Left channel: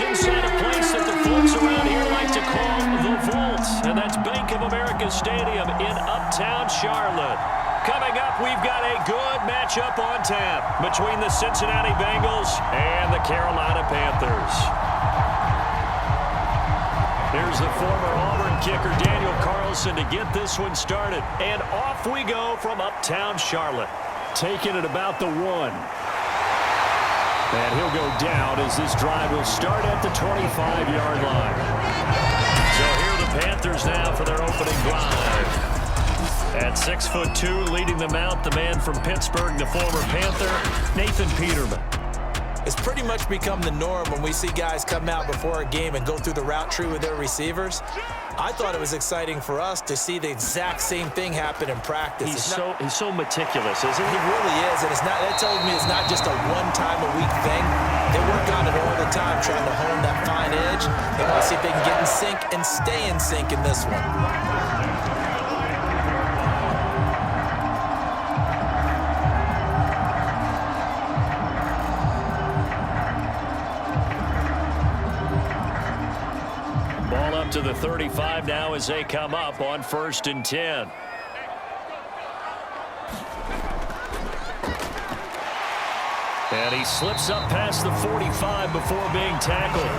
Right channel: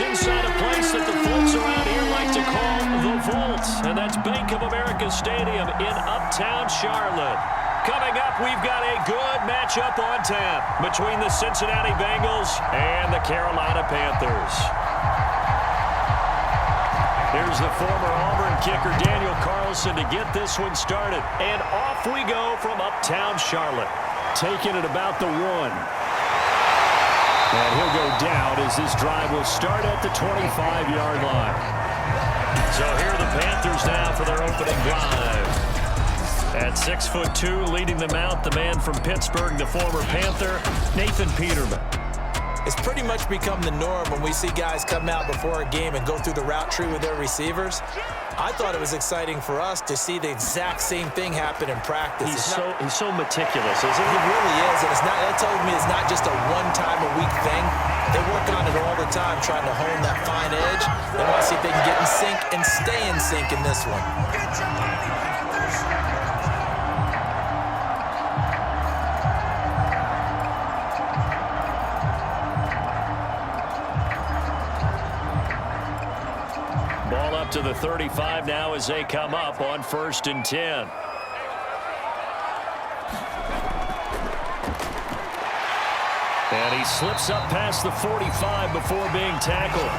is inside a place that the folks around here like to call the Vault, and that's Bank of America Stadium in Uptown Charlotte. Coming up, we've got a good matchup on tap between the Cincinnati Bengals and the Carolina Panthers. Here's the former Auburn kicker Daniel Carlson to get this one started. And off we go from Uptown Charlotte. Taking it about the 1. And he'll go down as this drive will start at the 25-yard line. So here are the Panthers now for their opening drive. At 6'2", leading them out, the man from Pittsburgh, the former Panther, Nathan Peterman. It's pretty much become the norm when we see guys come out before a game and go through the route tree with their receivers. I thought it was exciting for us to see the exact same thing happen in practice. He's so meticulous, isn't he? He really is, and that tells me it's not just a one-time-a-week thing. They work on it all the time, trying to hone that fine edge. They want to see if they can get in sync and stay in sync in this one. Ball up to the 35 now as they come up on 1st and 10. And he slips up past the 45 before being tackled.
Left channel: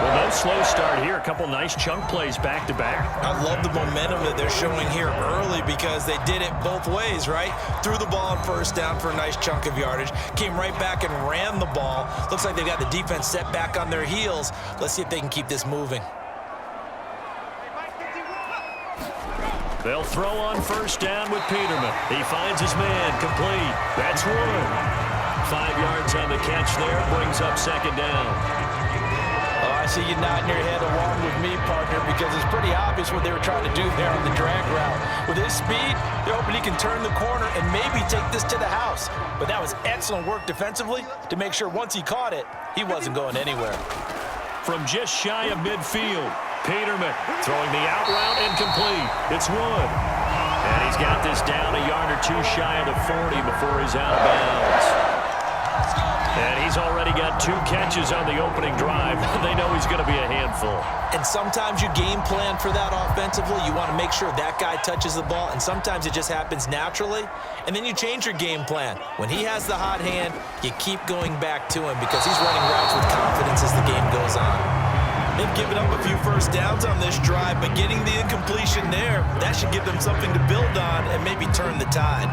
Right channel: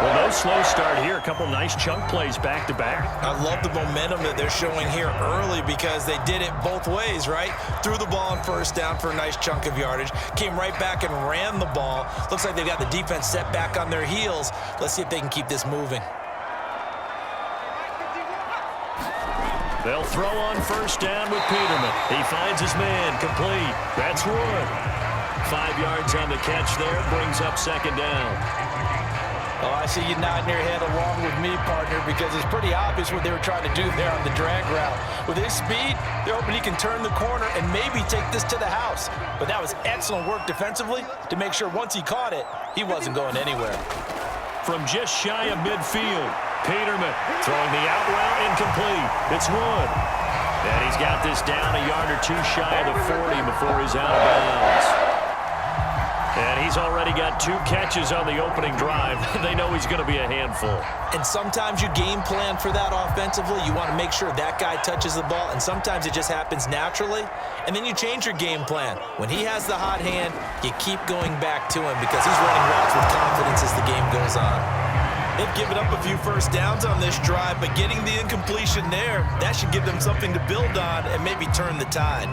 Well, no slow start here. A couple nice chunk plays back-to-back. I love the momentum that they're showing here early because they did it both ways, right? Threw the ball on 1st down for a nice chunk of yardage. Came right back and ran the ball. Looks like they've got the defense set back on their heels. Let's see if they can keep this moving. They'll throw on 1st down with Peterman. He finds his man, complete. That's Wood. 5 yards on the catch there, brings up 2nd down. Oh, I see you nodding your head along with me, partner, because it's pretty obvious what they were trying to do there on the drag route. With his speed, they're hoping he can turn the corner and maybe take this to the house. But that was excellent work defensively to make sure once he caught it, he wasn't going anywhere. From just shy of midfield, Peterman throwing the out route incomplete. It's Wood. And he's got this down a yard or two shy of the 40 before he's out of bounds. And he's already got 2 catches on the opening drive. They know he's going to be a handful. And sometimes you game plan for that offensively. You want to make sure that guy touches the ball, and sometimes it just happens naturally. And then you change your game plan. When he has the hot hand, you keep going back to him because he's running routes with confidence as the game goes on. They've given up a few 1st downs on this drive, but getting the incompletion there, that should give them something to build on and maybe turn the tide.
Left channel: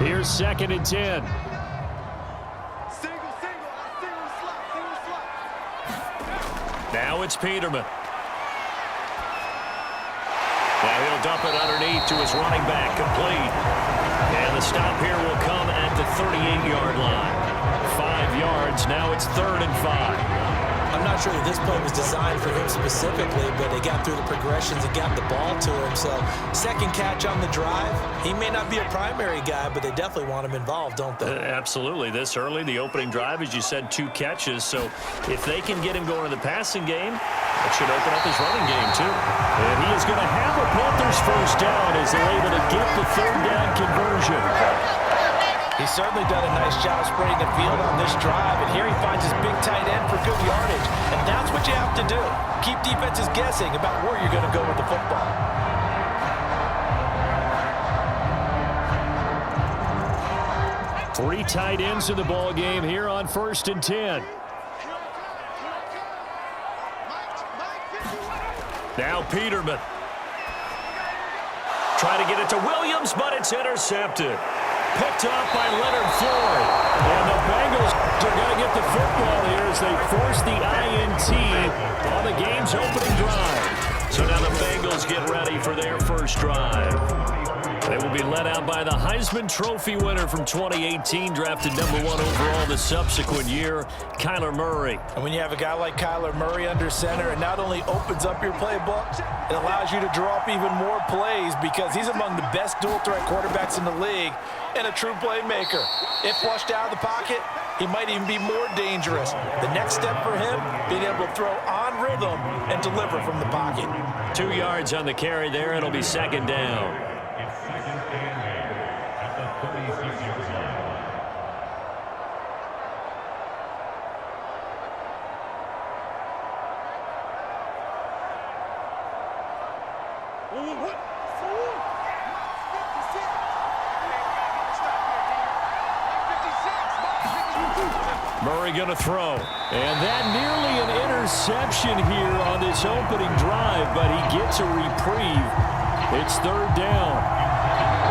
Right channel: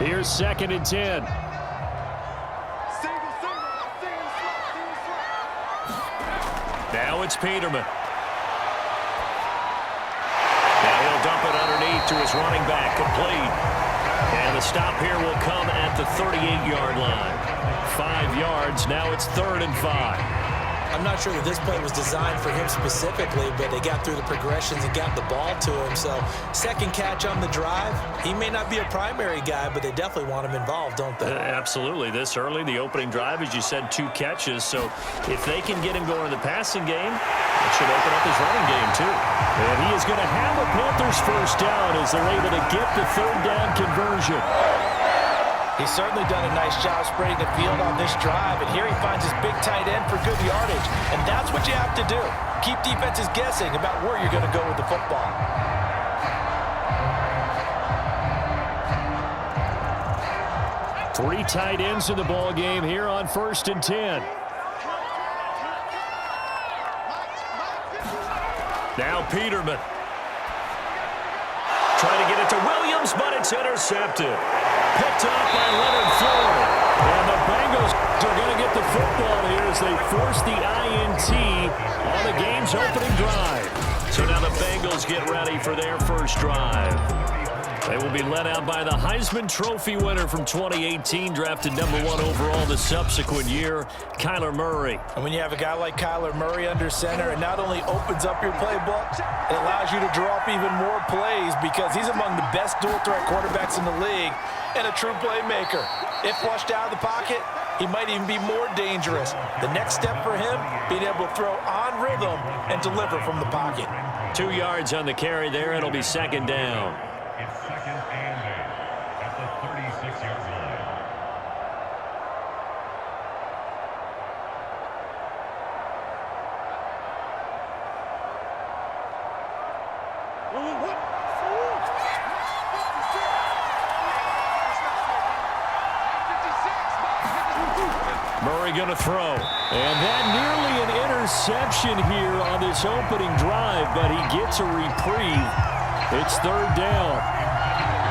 Here's 2nd and 10. Now it's Peterman. Now he'll dump it underneath to his running back, complete. And the stop here will come at the 38-yard line. 5 yards, now it's 3rd and 5. I'm not sure that this play was designed for him specifically, but they got through the progressions and got the ball to him. So 2nd catch on the drive. He may not be a primary guy, but they definitely want him involved, don't they? Absolutely. This early, the opening drive, as you said, 2 catches. So if they can get him going in the passing game, that should open up his running game too. And he is going to have a Panthers 1st down as they're able to get the 3rd down conversion. He's certainly done a nice job spreading the field on this drive, and here he finds his big tight end for good yardage. And that's what you have to do. Keep defenses guessing about where you're going to go with the football. Three tight ends in the ball game here on 1st and 10. Now Peterman. Trying to get it to Williams, but it's intercepted. Picked off by Leonard Floyd. And the Bengals are going to get the football here as they force the INT on the game's opening drive. So now the Bengals get ready for their 1st drive. They will be led out by the Heisman Trophy winner from 2018, drafted #1 overall the subsequent year, Kyler Murray. And when you have a guy like Kyler Murray under center, it not only opens up your playbook, it allows you to draw up even more plays because he's among the best dual-threat quarterbacks in the league and a true playmaker. If flushed out of the pocket, he might even be more dangerous. The next step for him, being able to throw on rhythm and deliver from the pocket. 2 yards on the carry there. It'll be 2nd down. It's 2nd and 8 at the 36-yard line. Murray going to throw. And that nearly an interception here on this opening drive, but he gets a reprieve. It's 3rd down.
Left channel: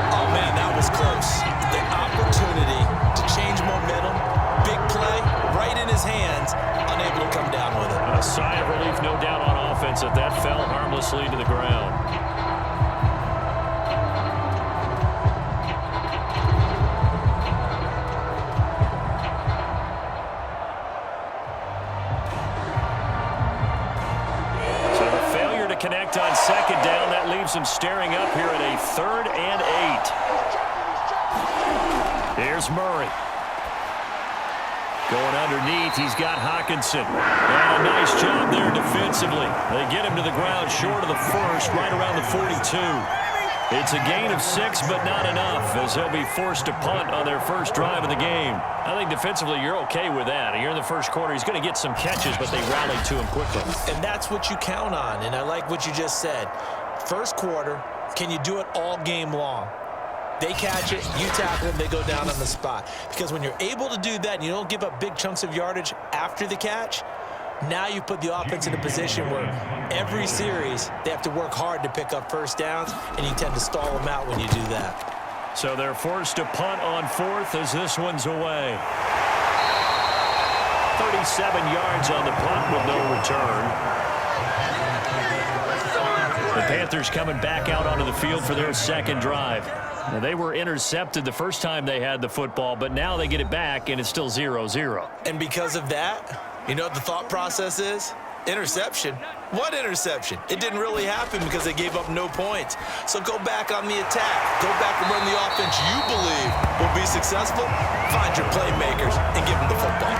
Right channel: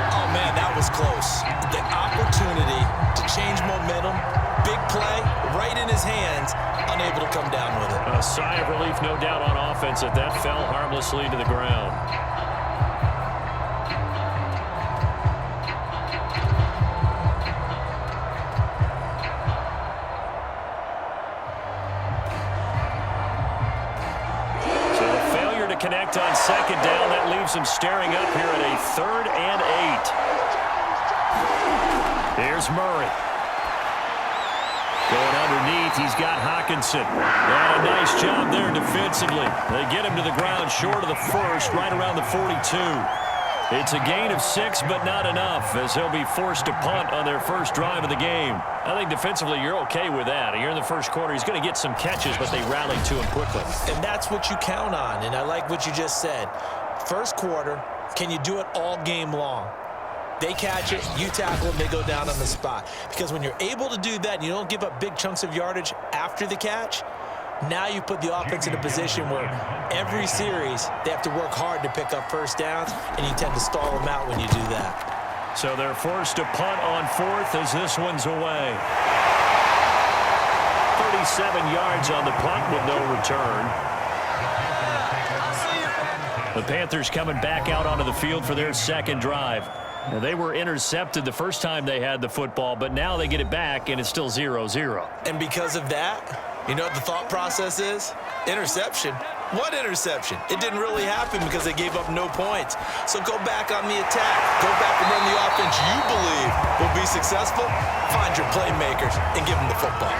Oh, man, that was close. The opportunity to change momentum, big play, right in his hands, unable to come down with it. A sigh of relief, no doubt, on offense that fell harmlessly to the ground. Connect on 2nd down. That leaves him staring up here at a 3rd and 8. Here's Murray. Going underneath, he's got Hawkinson. And a nice job there defensively. They get him to the ground short of the first, right around the 42. It's a gain of 6, but not enough, as he'll be forced to punt on their first drive of the game. I think defensively you're okay with that. You're in the first quarter. He's going to get some catches, but they rallied to him quickly. And that's what you count on, and I like what you just said. First quarter, can you do it all game long? They catch it, you tackle them, they go down on the spot. Because when you're able to do that and you don't give up big chunks of yardage after the catch, now you put the offense in a position where every series they have to work hard to pick up first downs, and you tend to stall them out when you do that. So they're forced to punt on 4th as this one's away. 37 yards on the punt with no return. The Panthers coming back out onto the field for their 2nd drive. Now, they were intercepted the first time they had the football, but now they get it back, and it's still 0-0. And because of that, you know what the thought process is? Interception. What interception? It didn't really happen because they gave up no points. So go back on the attack. Go back and run the offense you believe will be successful. Find your playmakers and give them the football.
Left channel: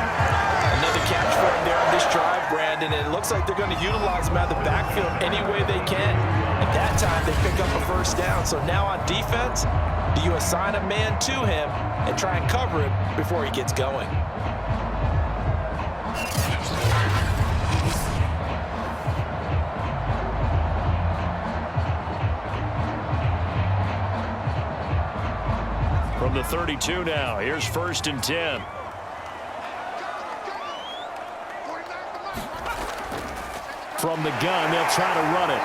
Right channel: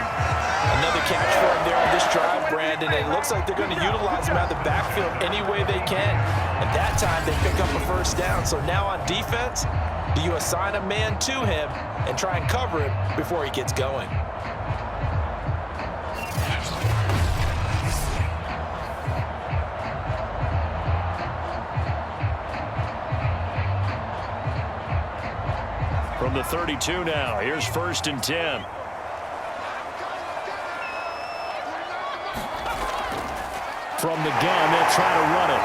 Another catch for him there on this drive, Brandon. And it looks like they're going to utilize him out of the backfield any way they can. At that time, they pick up a first down. So now on defense, do you assign a man to him and try and cover him before he gets going? From the 32 now, here's 1st and 10. From the gun, they'll try to run it.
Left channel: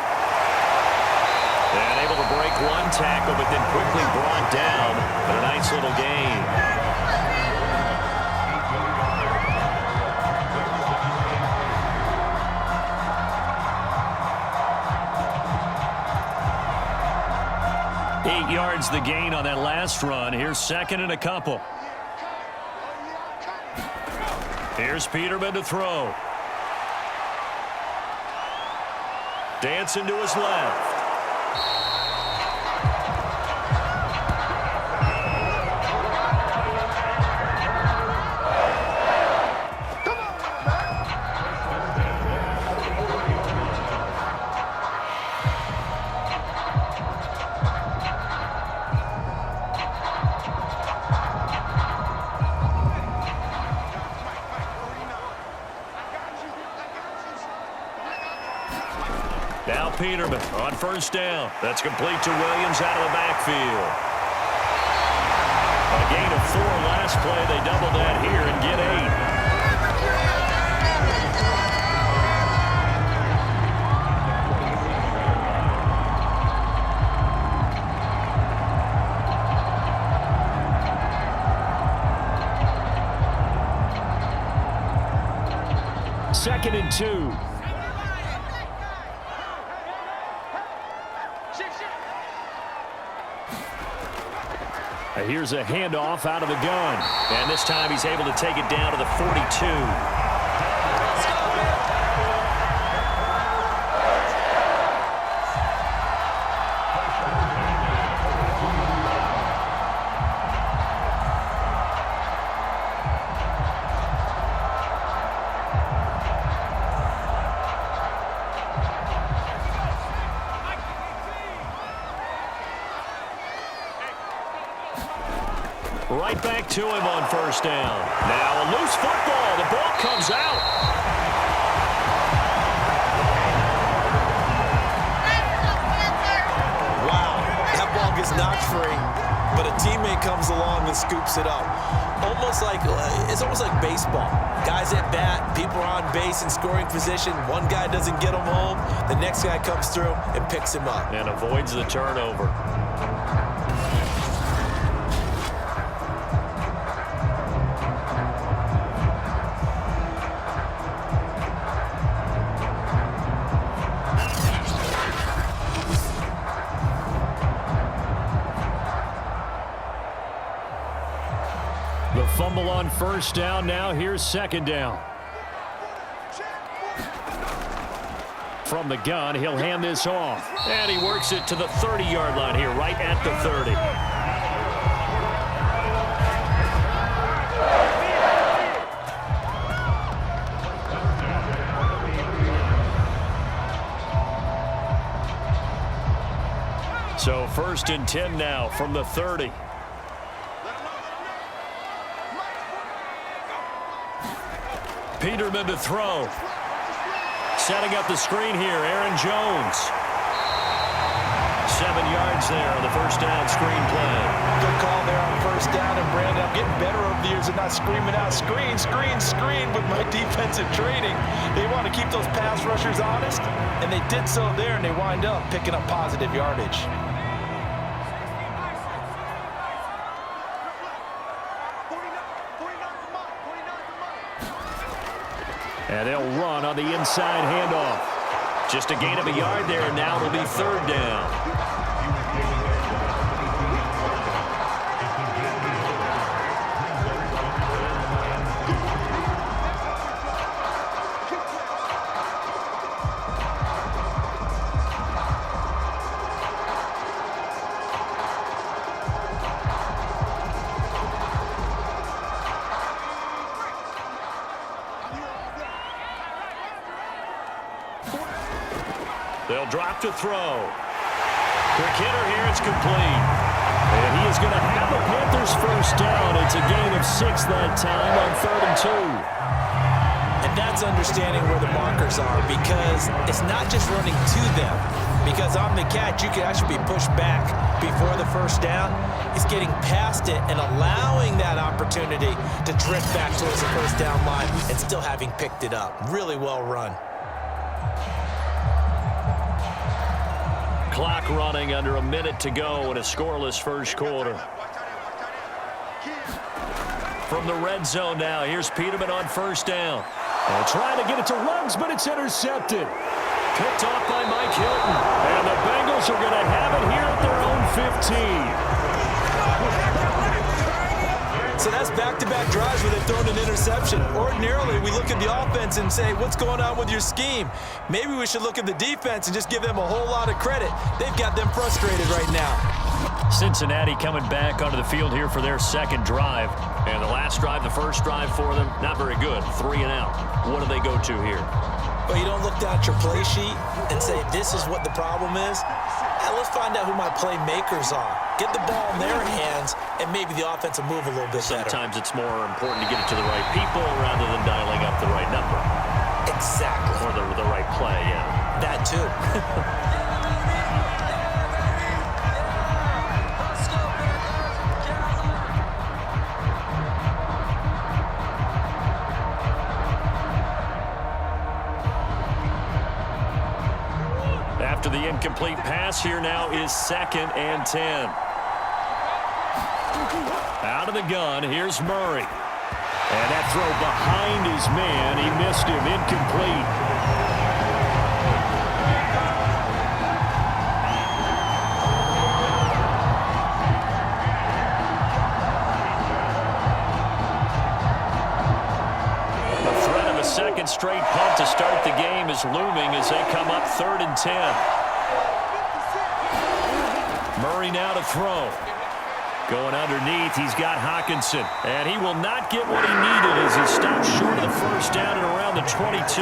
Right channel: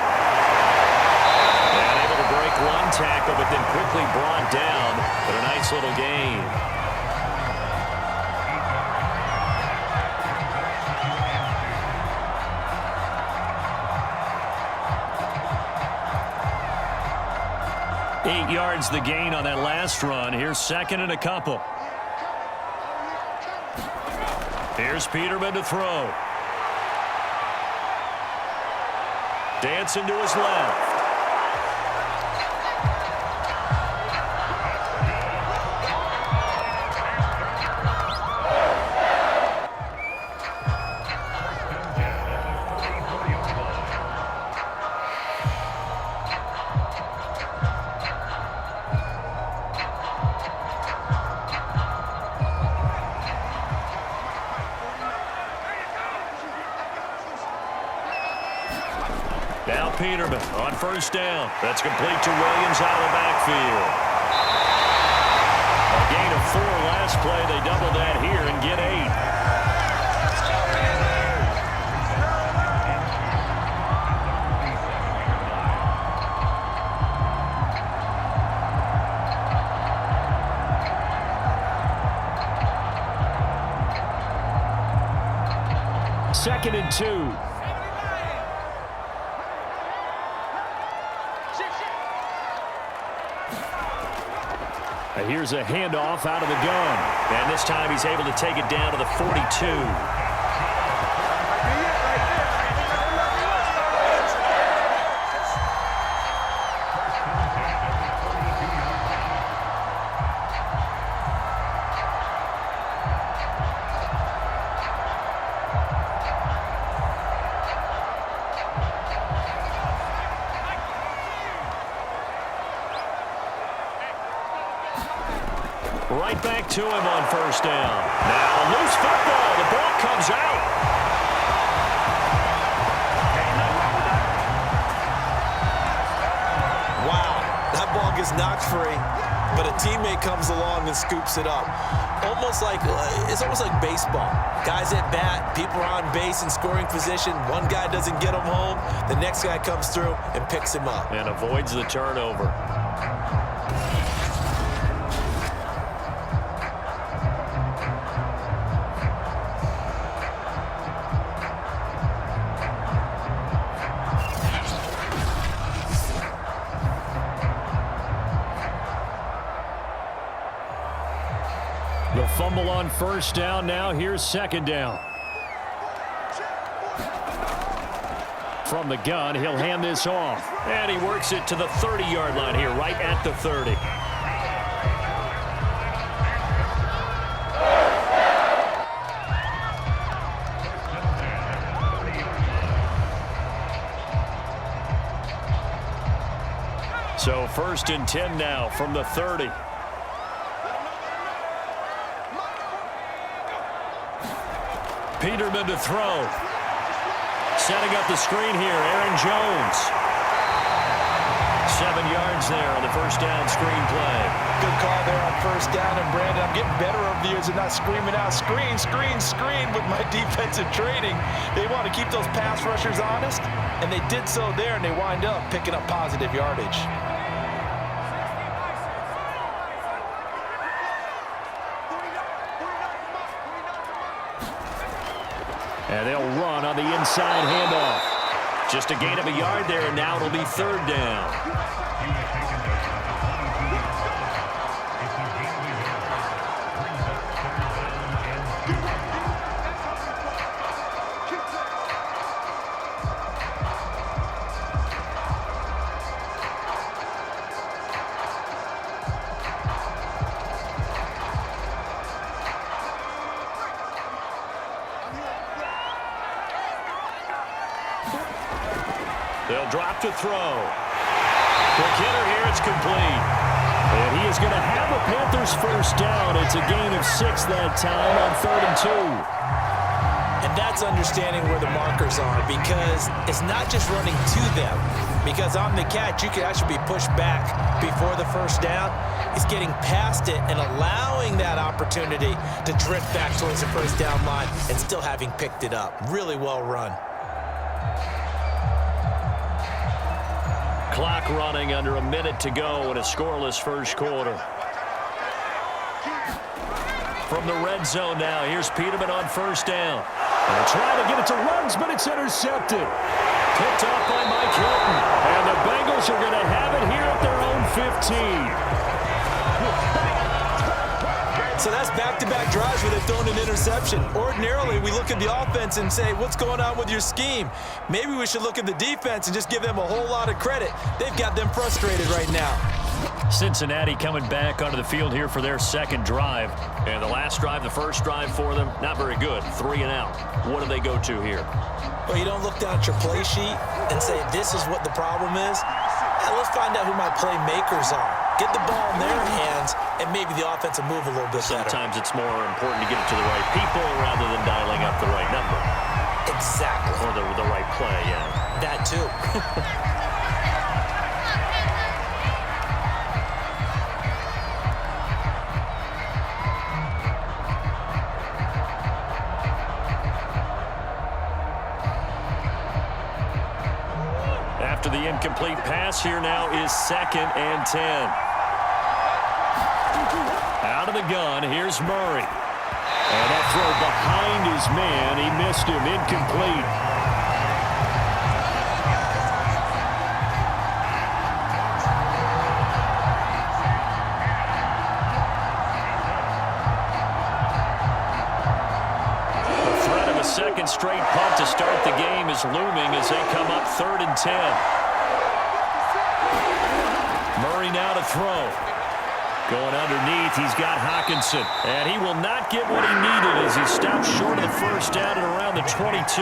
And able to break one tackle, but then quickly brought down. But a nice little gain. Eight yards the gain on that last run. Here's 2nd and a couple. Here's Peterman to throw. Dancing to his left. Now Peterman on 1st down. That's complete to Williams out of the backfield. A gain of 4 last play. They double that here and get 8. Second and 2. Here's a handoff out of the gun. And this time he's able to take it down to the 42. Right back to him on first down. Now a loose football. The ball comes out. Wow, that ball gets knocked free, but a teammate comes along and scoops it up. It's almost like baseball. Guys at bat, people are on base in scoring position. One guy doesn't get him home. The next guy comes through and picks him up. And avoids the turnover. The fumble on first down. Now here's second down. From the gun, he'll hand this off. And he works it to the 30-yard line here, right at the 30. So first and 10 now from the 30. Peterman to throw. Setting up the screen here, Aaron Jones. 7 yards there on the first down screen play. Good call there on first down. And Brandon, I'm getting better over the years of not screaming out, screen, screen, screen with my defensive training. They want to keep those pass rushers honest, and they did so there, and they wind up picking up positive yardage. And they'll run on the inside handoff. Just a gain of a yard there, and now it'll be third down. They'll drop to throw. Quick hitter here, it's complete. And he is going to have a Panthers first down. It's a gain of 6 that time on 3rd and 2. And that's understanding where the markers are, because it's not just running to them. Because on the catch, you could actually be pushed back before the first down. It's getting past it and allowing that opportunity to drift back towards the first down line and still having picked it up. Really well run. Clock running, under a minute to go in a scoreless first quarter. From the red zone now, here's Peterman on first down. And trying to get it to Ruggs, but it's intercepted. Picked off by Mike Hilton. And the Bengals are going to have it here at their own 15. So that's back-to-back drives where they've thrown an interception. Ordinarily, we look at the offense and say, what's going on with your scheme? Maybe we should look at the defense and just give them a whole lot of credit. They've got them frustrated right now. Cincinnati coming back onto the field here for their second drive. And the last drive, the first drive for them, not very good. 3 and out. What do they go to here? Well, you don't look down at your play sheet and say, this is what the problem is. Yeah, let's find out who my playmakers are. Get the ball in their hands, and maybe the offense will move a little bit better. Sometimes it's more important to get it to the right people rather than dialing up the right number. Exactly. Or the right play, yeah. That too. After the incomplete pass, here now is 2nd and 10. Out of the gun, here's Murray. And that throw behind his man, he missed him, incomplete. The threat of a second straight punt to start the game is looming as they come up 3rd and 10. Murray now to throw. Going underneath, he's got Hockenson. And he will not get what he needed as he stops short of the first down and around the 22.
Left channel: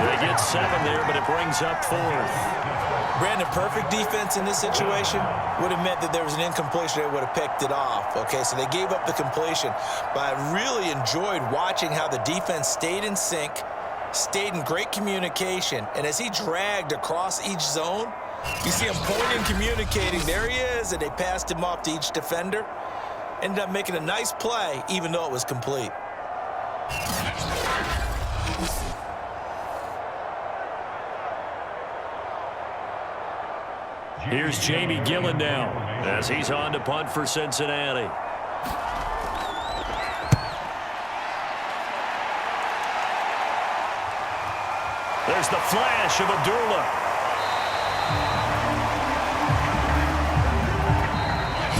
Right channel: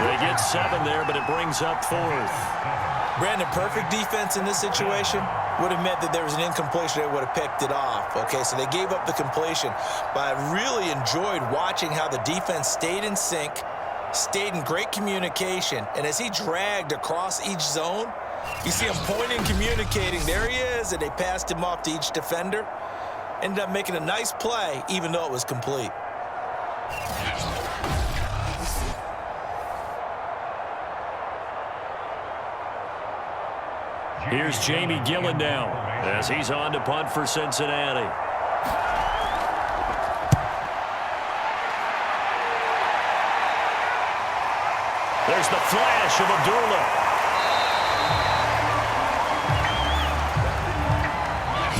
They get 7 there, but it brings up 4th. Brandon, perfect defense in this situation would have meant that there was an incompletion. They would have picked it off. Okay, so they gave up the completion. But I really enjoyed watching how the defense stayed in sync, stayed in great communication. And as he dragged across each zone, you see him pointing, communicating. There he is, and they passed him off to each defender. Ended up making a nice play, even though it was complete. Here's Jamie Gillen now as he's on to punt for Cincinnati. There's the flash of Abdullah.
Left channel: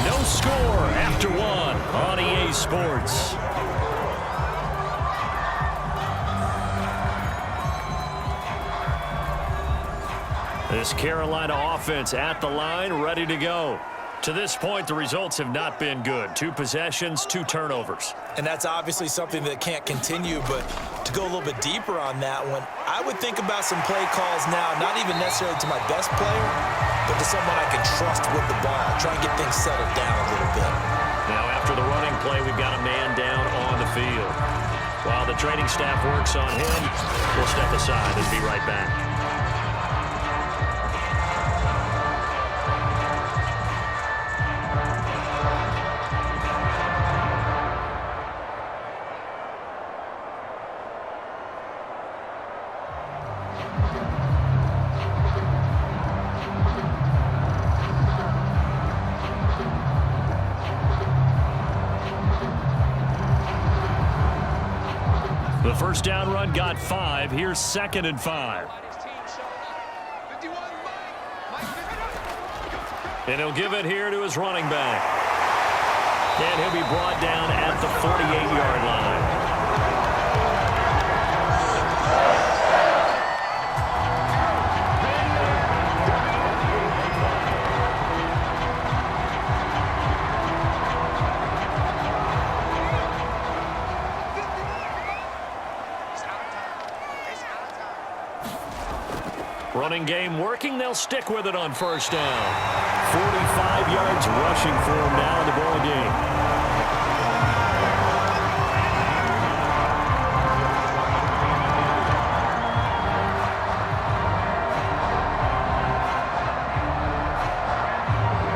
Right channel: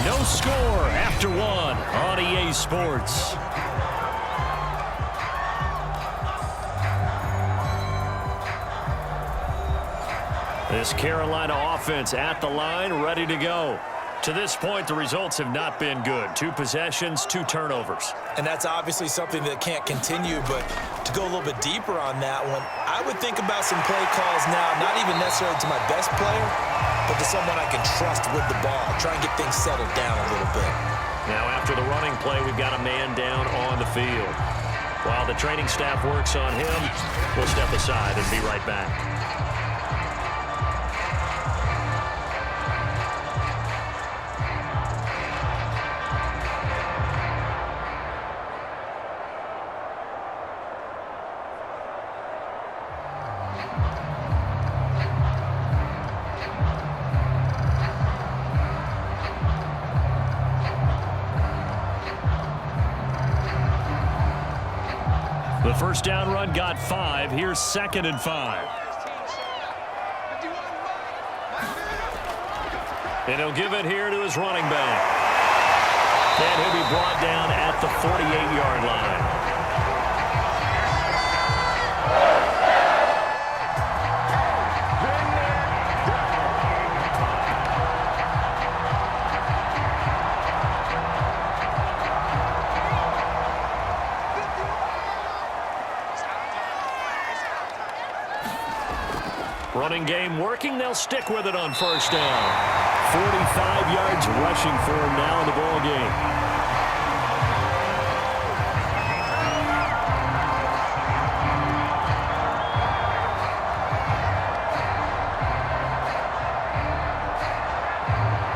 No score after 1 on EA Sports. This Carolina offense at the line, ready to go. To this point, the results have not been good. 2 possessions, 2 turnovers. And that's obviously something that can't continue, but to go a little bit deeper on that one, I would think about some play calls now, not even necessarily to my best player, but to someone I can trust with the ball. Try and get things settled down a little bit. Now, after the running play, we've got a man down on the field. While the training staff works on him, we'll step aside and be right back. The first down run got 5. Here's 2nd and 5. And he'll give it here to his running back. And he'll be brought down at the 48-yard line. Running game working. They'll stick with it on first down. 45 yards rushing for him now in the ball game.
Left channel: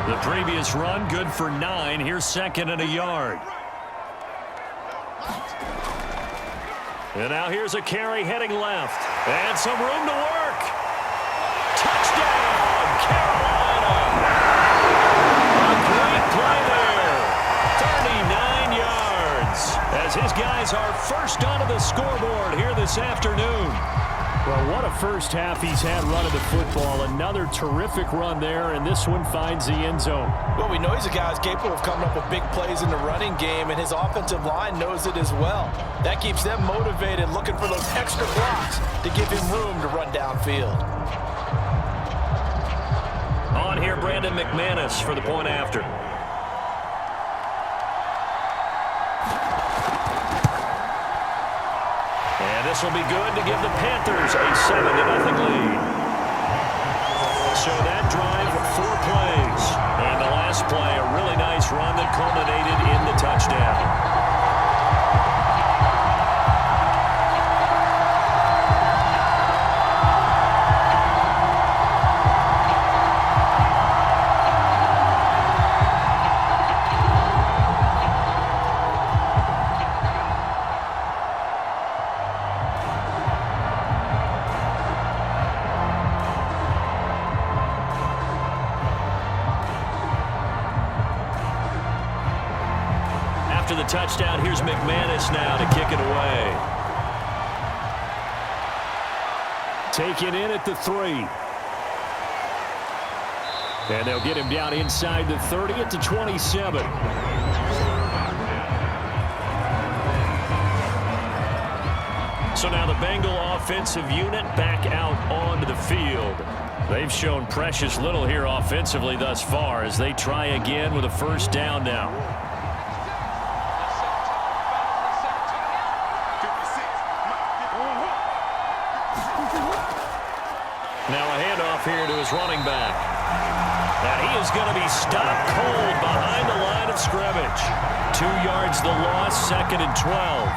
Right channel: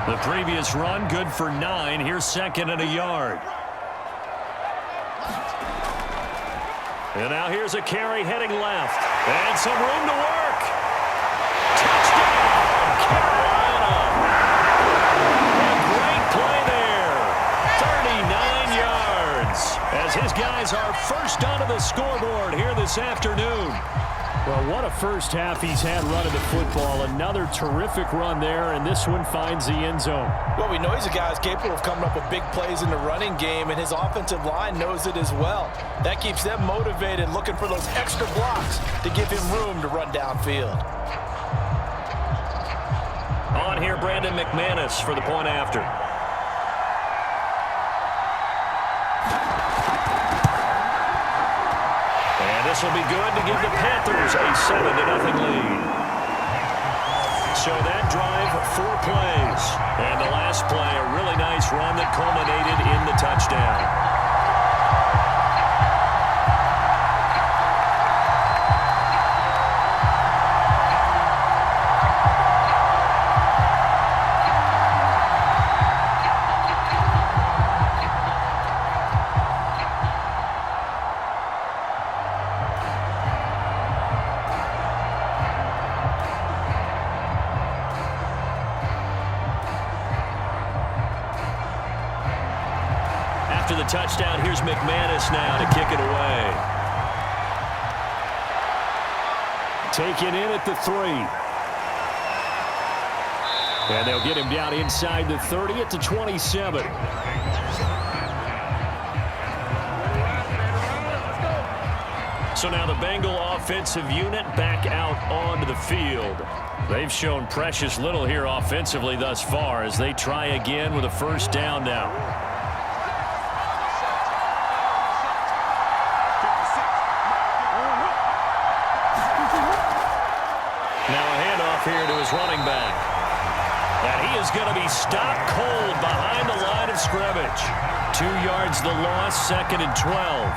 The previous run good for 9. Here's 2nd and a yard. And now here's a carry heading left. And some room to work. Touchdown, Carolina. A great play there. 39 yards as his guys are first onto the scoreboard here this afternoon. Well, what a first half he's had running the football. Another terrific run there, and this one finds the end zone. Well, we know he's a guy who's capable of coming up with big plays in the running game, and his offensive line knows it as well. That keeps them motivated, looking for those extra blocks to give him room to run downfield. On here, Brandon McManus for the point after. And this will be good to give the Panthers a 7-0 lead. So that drive, 4 plays. And the last play, a really nice run that culminated in the touchdown. After the touchdown, here's McManus now to kick it away. Taken in at the 3. And they'll get him down inside the 30 at the 27. So now the Bengal offensive unit back out onto the field. They've shown precious little here offensively thus far as they try again with a first down now. here to his running back. And he is going to be stopped cold behind the line of scrimmage. 2 yards the loss, 2nd and 12.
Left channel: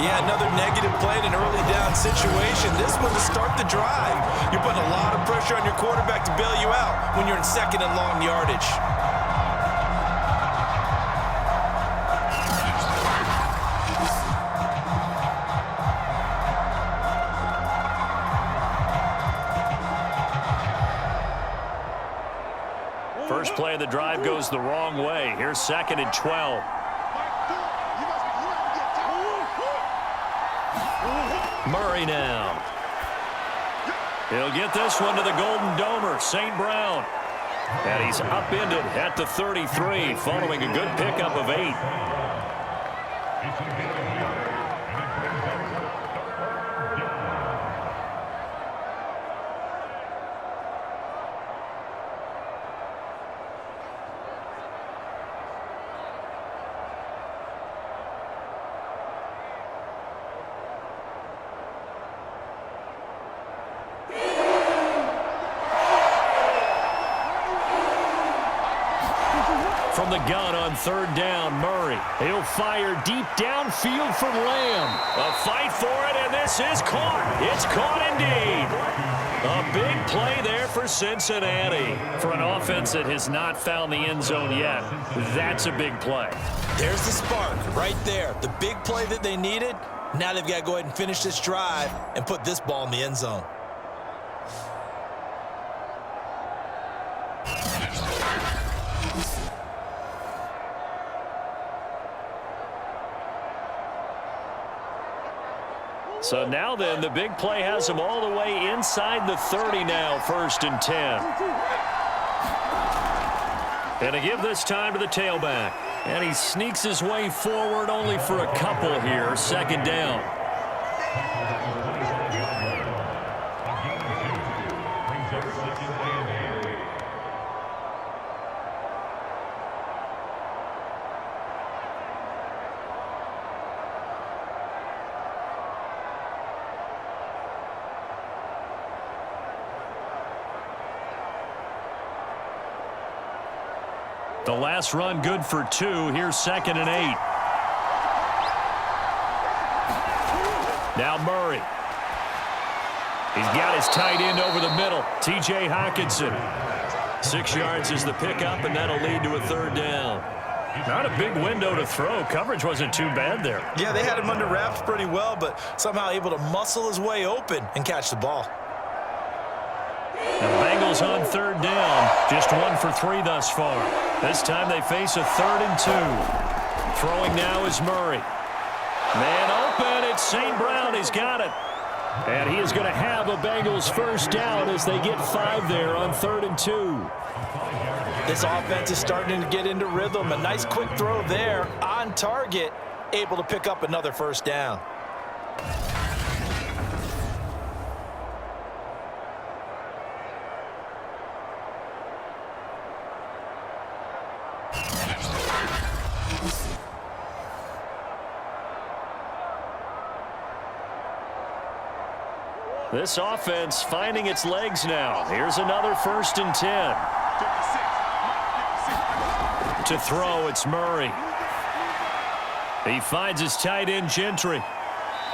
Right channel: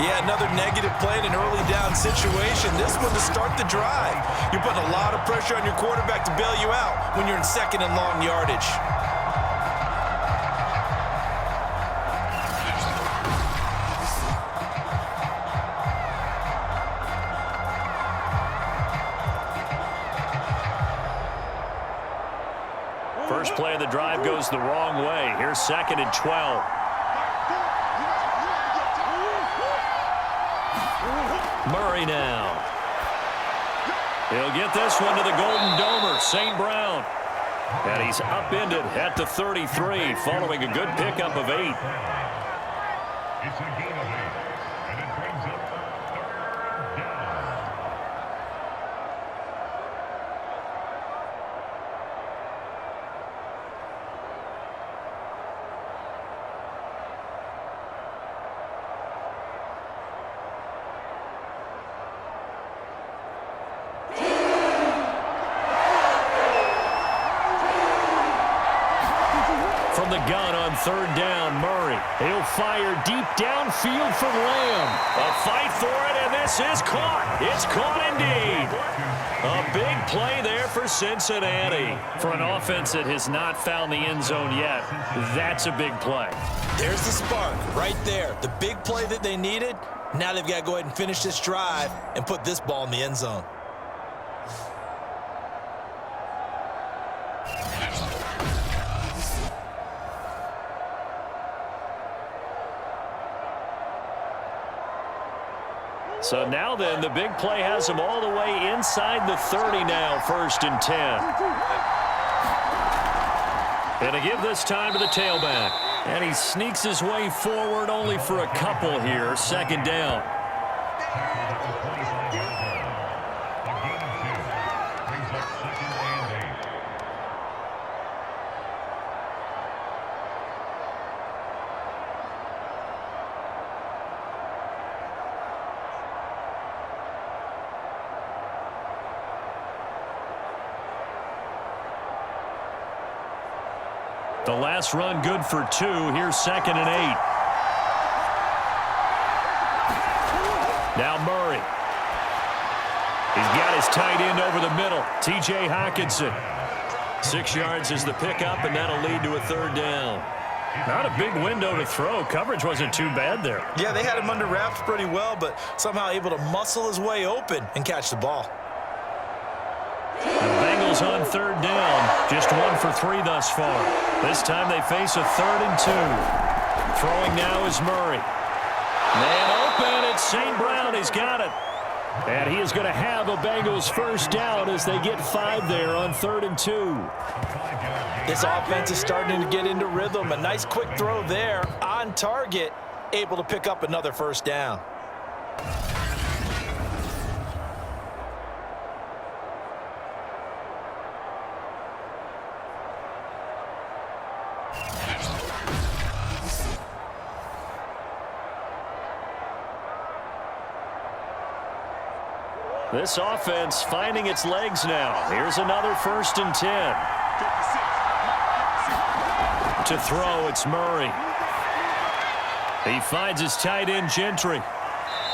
Yeah, another negative play in an early down situation. This one to start the drive. You're putting a lot of pressure on your quarterback to bail you out when you're in 2nd and long yardage. First play of the drive goes the wrong way. Here's 2nd and 12. Murray now. He'll get this one to the Golden Domer, St. Brown. And he's upended at the 33 following a good pickup of 8. It's a gain of 8, and it brings up 3rd down. From the gun on 3rd down, Murray. He'll fire deep downfield for Lamb. A fight for it, and this is caught. It's caught indeed. A big play there for Cincinnati. For an offense that has not found the end zone yet, that's a big play. There's the spark right there. The big play that they needed. Now they've got to go ahead and finish this drive and put this ball in the end zone. So now then, the big play has him all the way inside the 30 now, 1st and 10. And to give this time to the tailback. And he sneaks his way forward only for a couple here, 2nd down. A gain of 2 brings up 2nd and 8. The last run good for 2. Here's 2nd and 8. Now Murray. He's got his tight end over the middle, T.J. Hockenson. 6 yards is the pickup, and that'll lead to a 3rd down. Not a big window to throw. Coverage wasn't too bad there. Yeah, they had him under wraps pretty well, but somehow able to muscle his way open and catch the ball. The Bengals on 3rd down, just 1 for 3 thus far. This time they face a 3rd and 2. Throwing now is Murray. Man open, it's St. Brown, he's got it. And he is going to have a Bengals 1st down as they get 5 there on 3rd and 2. This offense is starting to get into rhythm. A nice quick throw there on target, able to pick up another 1st down. This offense finding its legs now. Here's another 1st and 10. To throw, it's Murray. He finds his tight end, Gentry.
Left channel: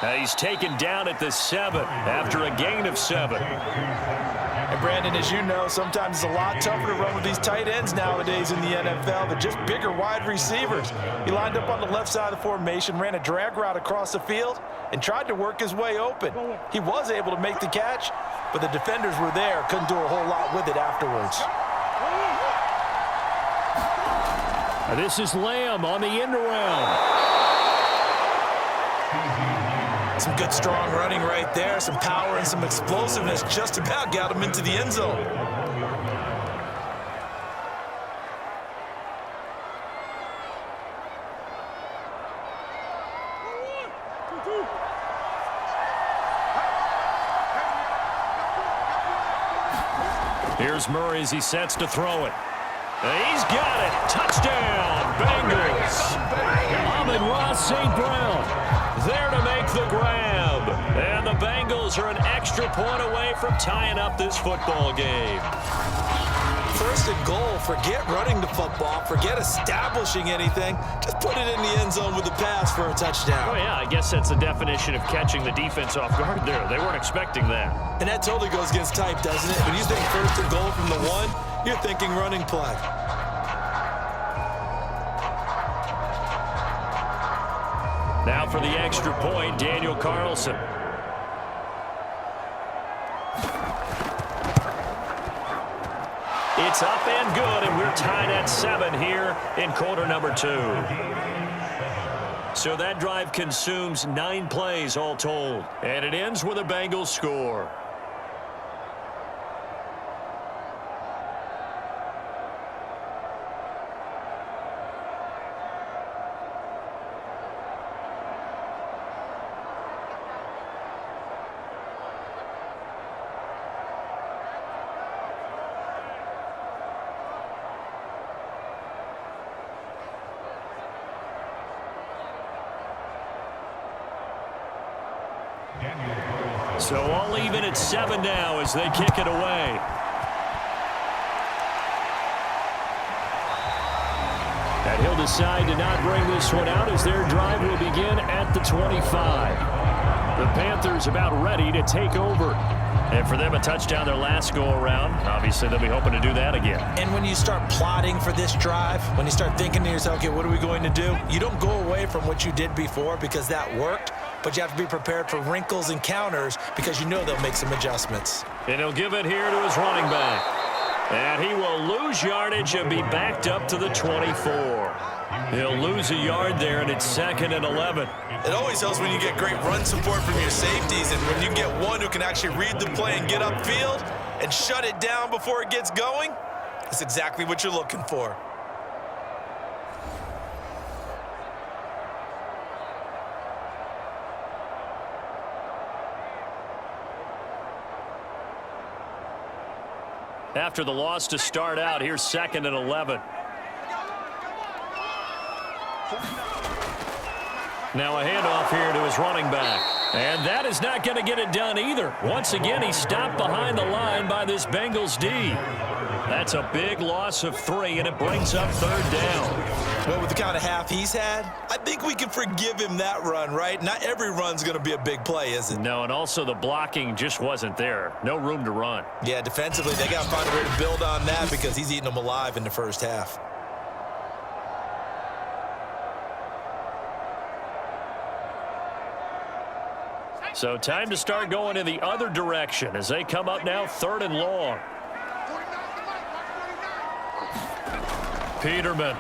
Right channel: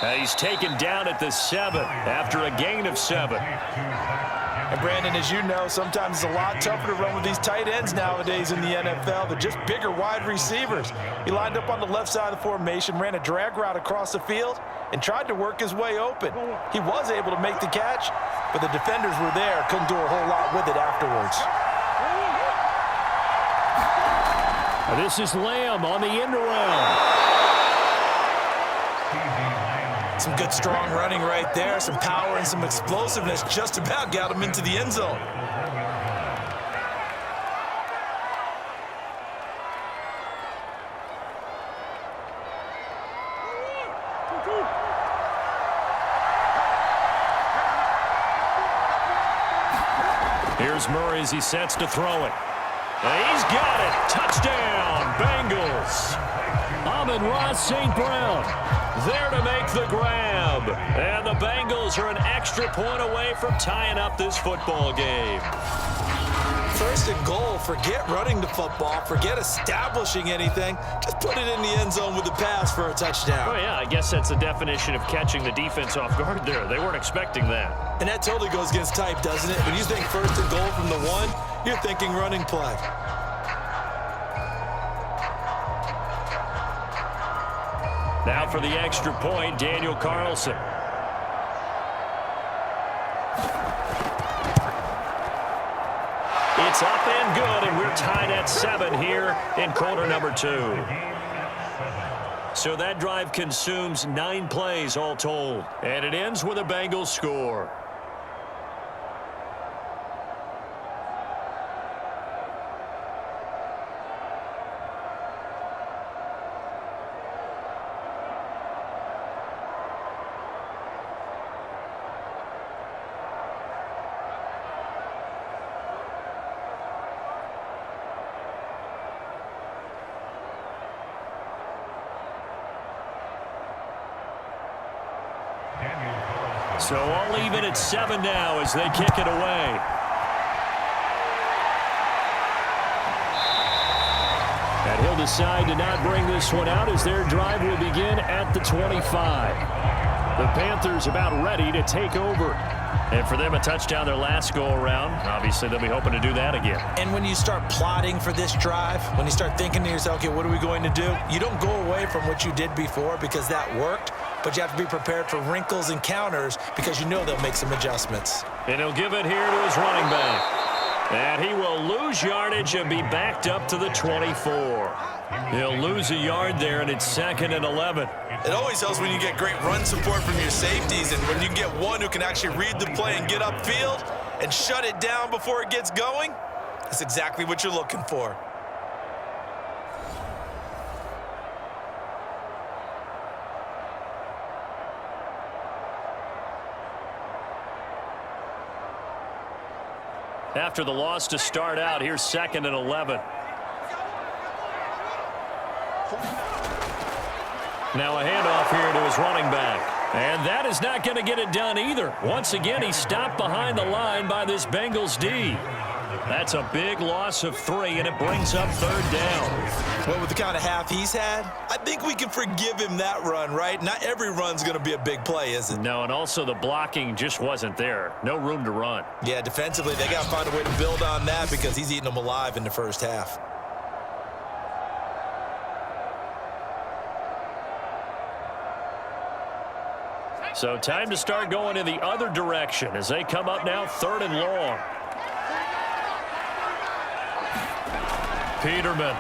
He's taken down at the 7 after a gain of 7. And Brandon, as you know, sometimes it's a lot tougher to run with these tight ends nowadays in the NFL. They're just bigger wide receivers. He lined up on the left side of the formation, ran a drag route across the field, and tried to work his way open. He was able to make the catch, but the defenders were there, couldn't do a whole lot with it afterwards. This is Lamb on the end around. Some good strong running right there, some power and some explosiveness, just about got him into the end zone. Here's Murray as he sets to throw it. He's got it. Touchdown, Bengals. Amon-Ra St. Brown there to make the grab. And the Bengals are an extra point away from tying up this football game. First and goal, forget running the football, forget establishing anything. Just put it in the end zone with a pass for a touchdown. Oh, yeah, I guess that's the definition of catching the defense off guard there. They weren't expecting that. And that totally goes against type, doesn't it? When you think first and goal from the 1, you're thinking running play. Now for the extra point, Daniel Carlson. It's up and good, and we're tied at 7 here in quarter number 2. So that drive consumes 9 plays all told, and it ends with a Bengals score. So all even at 7 now as they kick it away. And he'll decide to not bring this one out as their drive will begin at the 25. The Panthers about ready to take over. And for them, a touchdown their last go-around. Obviously, they'll be hoping to do that again. And when you start plotting for this drive, when you start thinking to yourself, okay, what are we going to do? You don't go away from what you did before because that worked, but you have to be prepared for wrinkles and counters because you know they'll make some adjustments. And he'll give it here to his running back. And he will lose yardage and be backed up to the 24. He'll lose a yard there, and it's 2nd and 11. It always helps when you get great run support from your safeties, and when you get one who can actually read the play and get upfield and shut it down before it gets going, that's exactly what you're looking for. After the loss to start out, here's 2nd and 11. Now a handoff here to his running back. And that is not going to get it done either. Once again, he's stopped behind the line by this Bengals D. That's a big loss of 3, and it brings up 3rd down. Well, with the kind of half he's had, I think we can forgive him that run, right? Not every run's going to be a big play, is it? No, and also the blocking just wasn't there. No room to run. Yeah, defensively, they got to find a way to build on that because he's eating them alive in the first half. So time to start going in the other direction as they come up now 3rd and long. Peterman.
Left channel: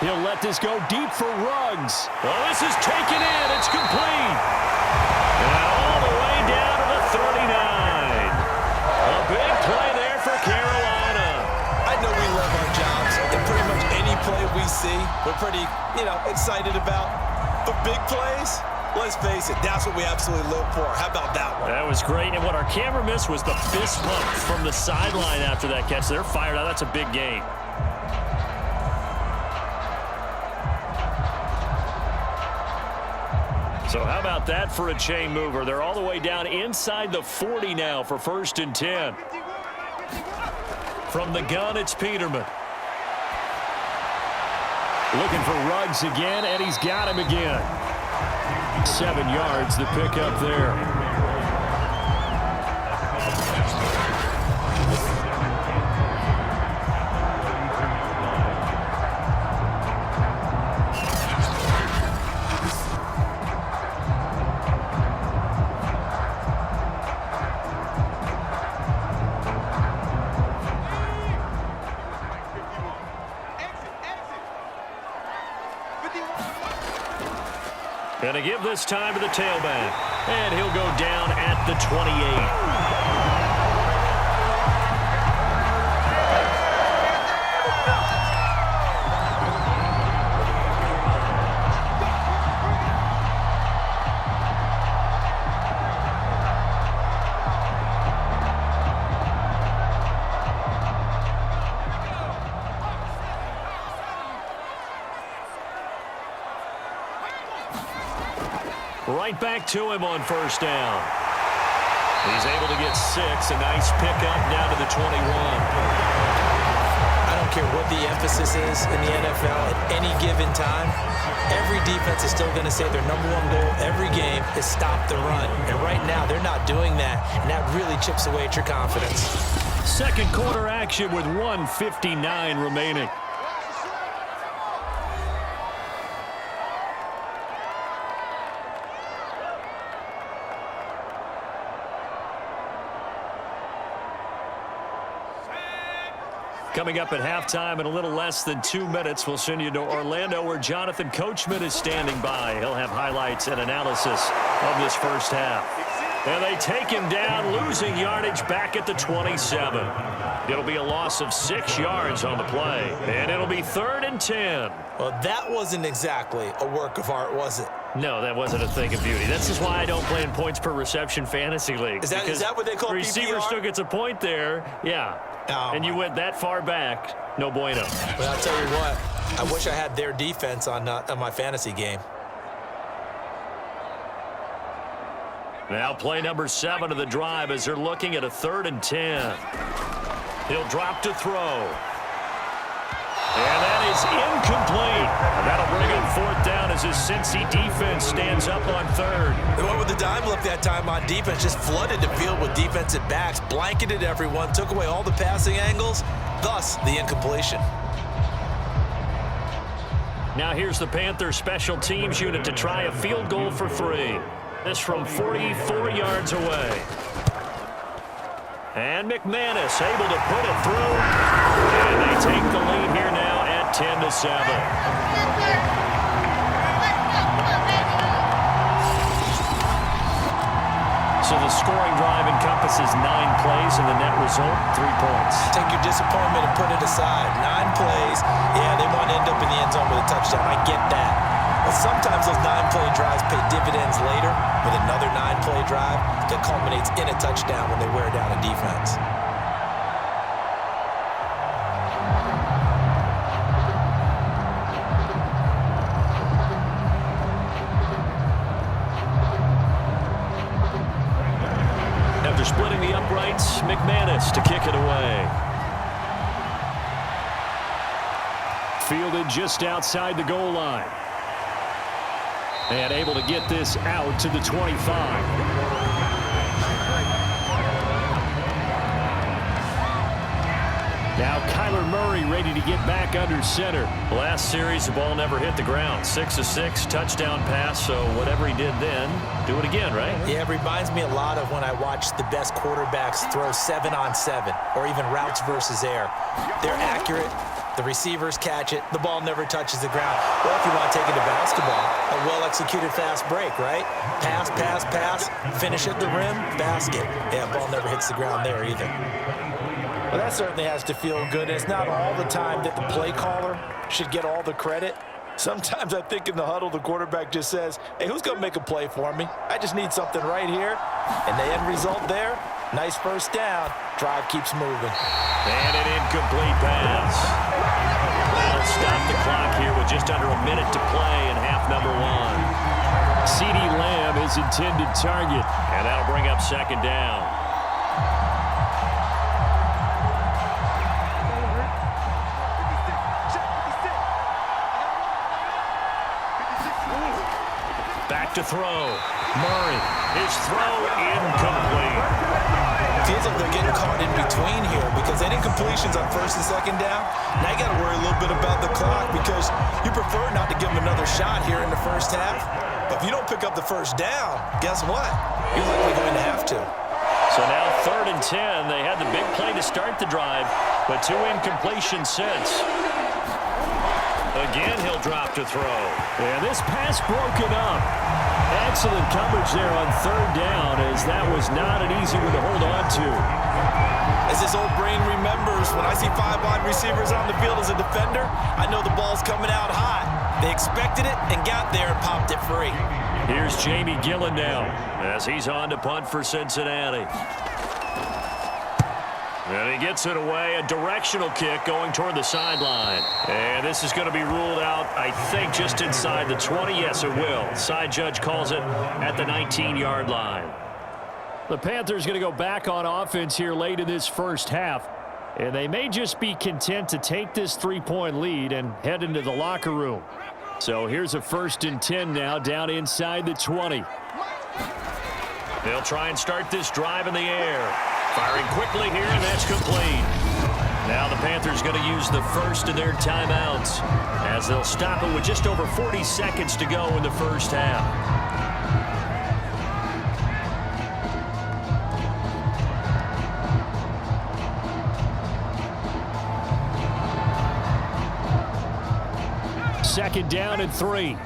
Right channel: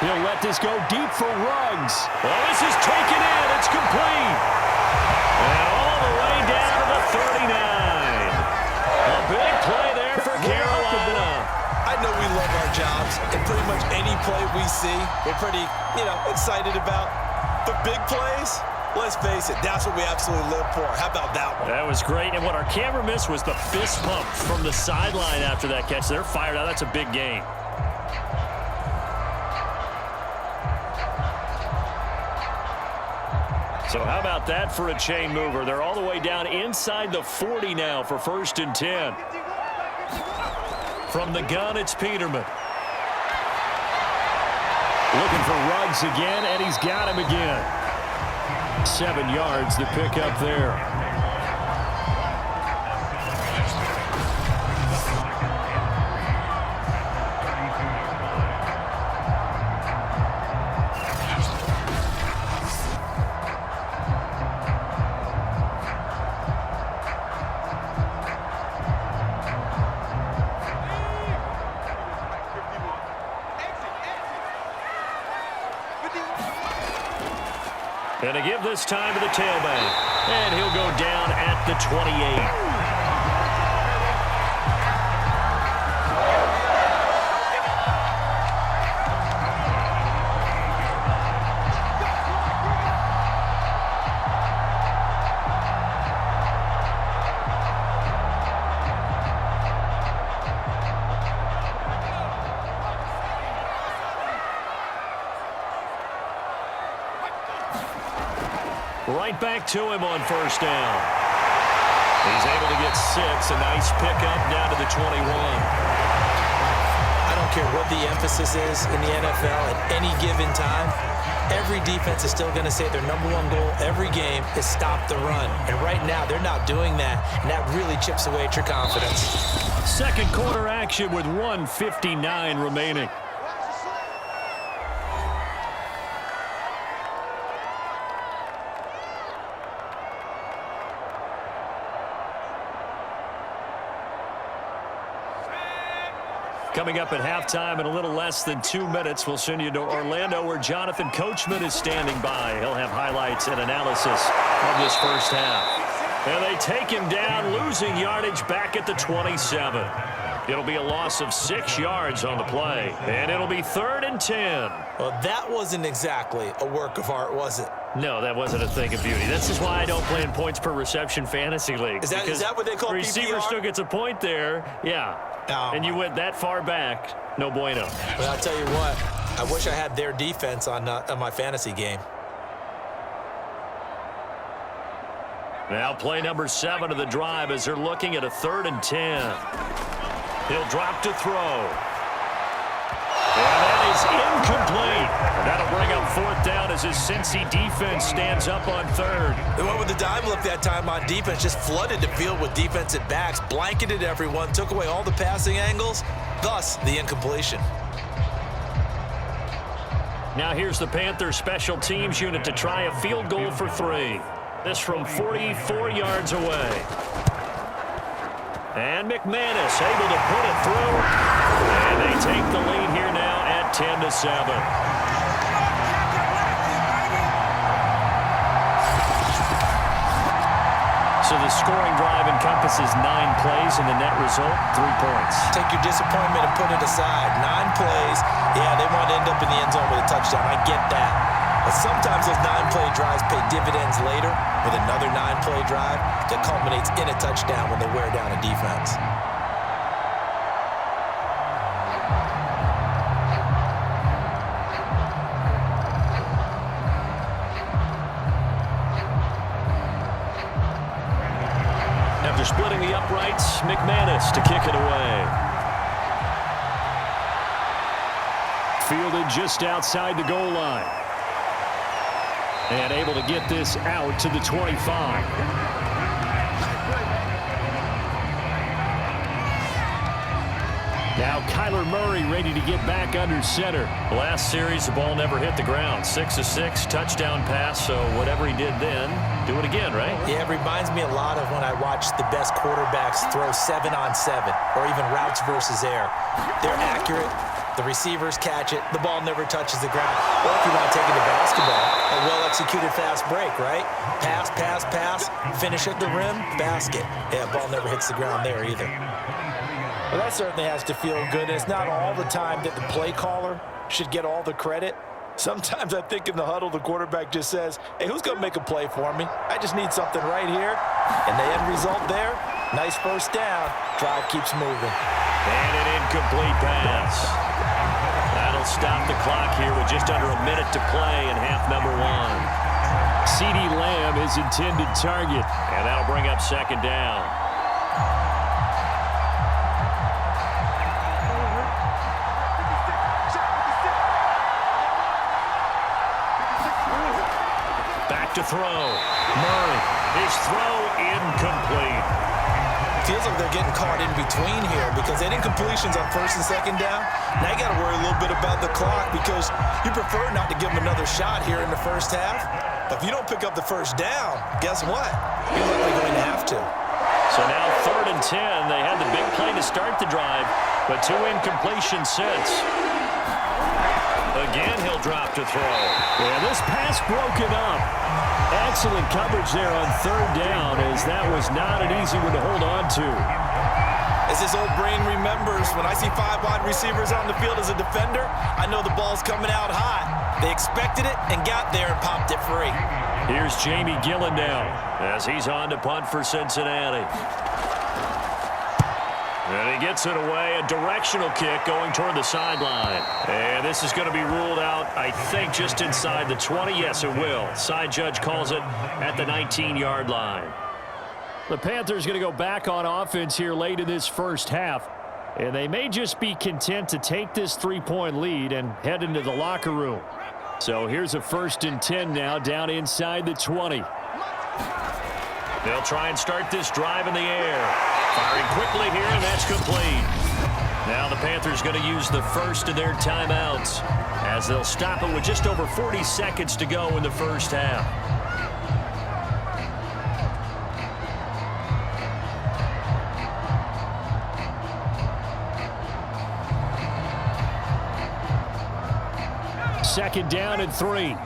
He'll let this go deep for Ruggs. Well, this is taken in. It's complete. And all the way down to the 39. A big play there for Carolina. I know we love our jobs, and pretty much any play we see, we're pretty, excited about. But big plays, let's face it, that's what we absolutely live for. How about that one? That was great. And what our camera missed was the fist pump from the sideline after that catch. They're fired out. That's a big gain. So how about that for a chain mover? They're all the way down inside the 40 now for 1st and 10. From the gun, it's Peterman. Looking for Ruggs again, and he's got him again. 7 yards, the pickup there. And to give this time to the tailback. And he'll go down at the 28. Right back to him on first down. He's able to get 6. A nice pickup down to the 21. I don't care what the emphasis is in the NFL at any given time. Every defense is still going to say their number one goal every game is stop the run. And right now, they're not doing that, and that really chips away at your confidence. Second quarter action with 1:59 remaining. Coming up at halftime in a little less than 2 minutes, we'll send you to Orlando where Jonathan Coachman is standing by. He'll have highlights and analysis of this first half. And they take him down, losing yardage back at the 27. It'll be a loss of 6 yards on the play, and it'll be 3rd and 10. Well, that wasn't exactly a work of art, was it? No, that wasn't a thing of beauty. That's just why I don't play in points per reception fantasy leagues. Is that what they call PPR? Receiver still gets a point there, yeah. Oh, and you went that far back, no bueno. Well, I'll tell you what, I wish I had their defense on my fantasy game. Now play number 7 of the drive as they're looking at a 3rd and 10. He'll drop to throw. And that is incomplete. And that'll bring up 4th down as his Cincy defense stands up on 3rd. They went with the dime look that time on defense, just flooded the field with defensive backs, blanketed everyone, took away all the passing angles, thus the incompletion. Now here's the Panthers special teams unit to try a field goal for 3. This from 44 yards away. And McManus able to put it through. And they take the lead here now at 10-7. So the scoring drive encompasses 9 plays, and the net result, 3 points. Take your disappointment and put it aside. 9 plays. Yeah, they want to end up in the end zone with a touchdown. I get that. But sometimes those 9-play drives pay dividends later with another 9-play drive that culminates in a touchdown when they wear down a defense. After splitting the uprights, McManus to kick it away. Fielded just outside the goal line. And able to get this out to the 25. Now Kyler Murray ready to get back under center. Last series, the ball never hit the ground. 6 of 6, touchdown pass, so whatever he did then, do it again, right? Yeah, it reminds me a lot of when I watched the best quarterbacks throw 7-on-7 or even routes versus air. They're accurate. The receivers catch it. The ball never touches the ground. Or if you want to take it to basketball, a well-executed fast break, right? Pass, pass, pass, finish at the rim, basket. Yeah, ball never hits the ground there either. Well, that certainly has to feel good. And it's not all the time that the play caller should get all the credit. Sometimes I think in the huddle, the quarterback just says, hey, who's going to make a play for me? I just need something right here. And the end result there, nice first down. Drive keeps moving. And an incomplete pass. That'll stop the clock here with just under a minute to play in half number 1. CeeDee Lamb is intended target, and that'll bring up 2nd down. Back to throw. Murray. His throw incomplete. Feels like they're getting caught in between here because any incompletions on 1st and 2nd down, now you got to worry a little bit about the clock because you prefer not to give them another shot here in the first half. But if you don't pick up the first down, guess what? You're likely going to have to. So now 3rd and 10. They had the big play to start the drive, but 2 incompletions since. Again, he'll drop to throw. Yeah, this pass broken up. Excellent coverage there on 3rd down, as that was not an easy one to hold on to. As his old brain remembers, when I see 5 wide receivers on the field as a defender, I know the ball's coming out hot. They expected it and got there and popped it free. Here's Jamie Gillen now as he's on to punt for Cincinnati. And he gets it away, a directional kick going toward the sideline. And this is going to be ruled out, I think, just inside the 20. Yes, it will. Side judge calls it at the 19-yard line. The Panthers going to go back on offense here late in this first half. And they may just be content to take this 3-point lead and head into the locker room. So here's a 1st and 10 now down inside the 20. They'll try and start this drive in the air. Firing quickly here, and that's complete. Now the Panthers going to use the first of their timeouts as they'll stop it with just over 40 seconds to go in the first half. Second down and 3.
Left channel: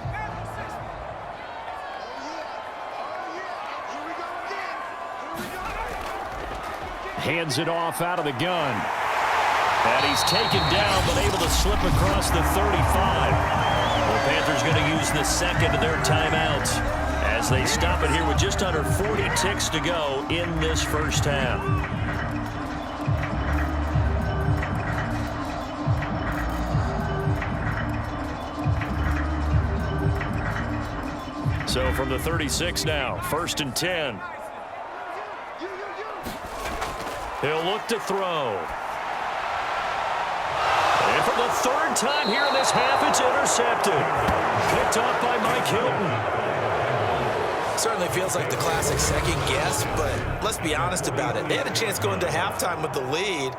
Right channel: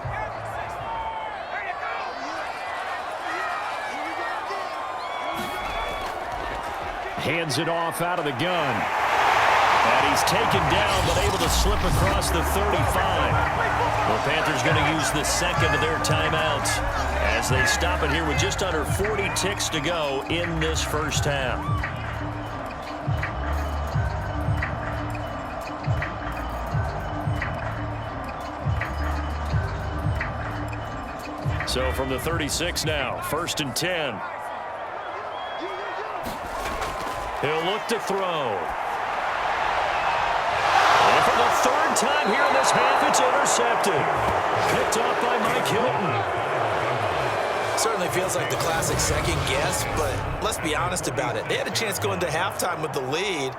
Hands it off out of the gun. And he's taken down, but able to slip across the 35. The Panthers going to use the second of their timeouts as they stop it here with just under 40 ticks to go in this first half. So from the 36 now, 1st and 10. He'll look to throw. And for the 3rd time here in this half, it's intercepted. Picked off by Mike Hilton. Certainly feels like the classic second guess, but let's be honest about it. They had a chance going to halftime with the lead.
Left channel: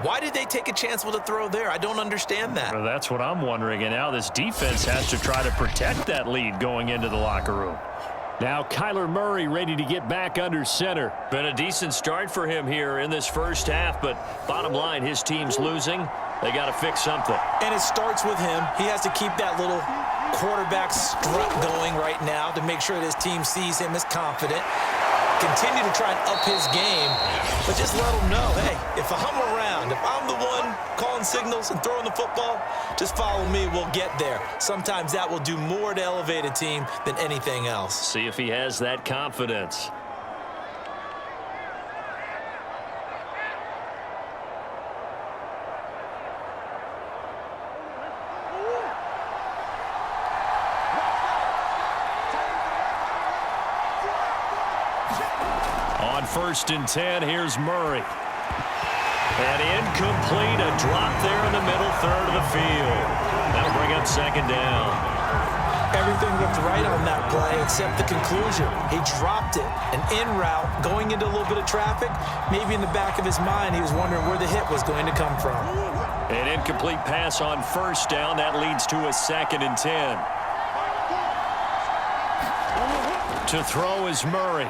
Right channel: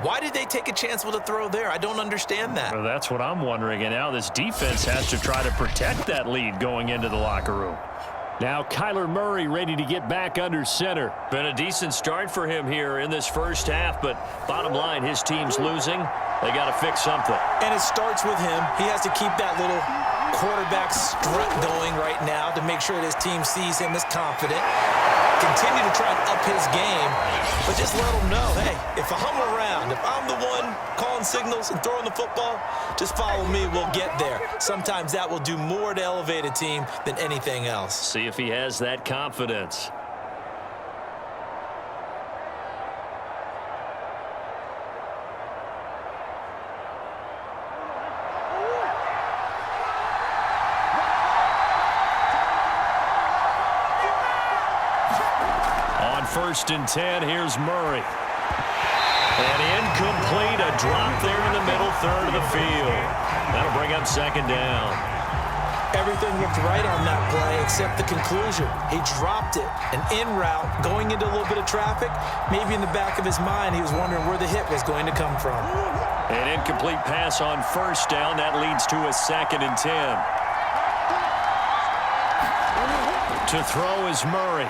Why did they take a chance with a throw there? I don't understand that. Well, that's what I'm wondering. And now this defense has to try to protect that lead going into the locker room. Now Kyler Murray ready to get back under center. Been a decent start for him here in this first half, but bottom line, his team's losing. They got to fix something. And it starts with him. He has to keep that little quarterback strut going right now to make sure that his team sees him as confident. Continue to try and up his game, but just let him know, hey, if I'm around, if I'm the one calling signals and throwing the football, just follow me, we'll get there. Sometimes that will do more to elevate a team than anything else. See if he has that confidence. On 1st and 10, here's Murray. And incomplete, a drop there in the middle third of the field. That'll bring up 2nd down. Everything looked right on that play except the conclusion. He dropped it, an in route, going into a little bit of traffic. Maybe in the back of his mind, he was wondering where the hit was going to come from. An incomplete pass on 1st down. That leads to a 2nd and 10. To throw is Murray.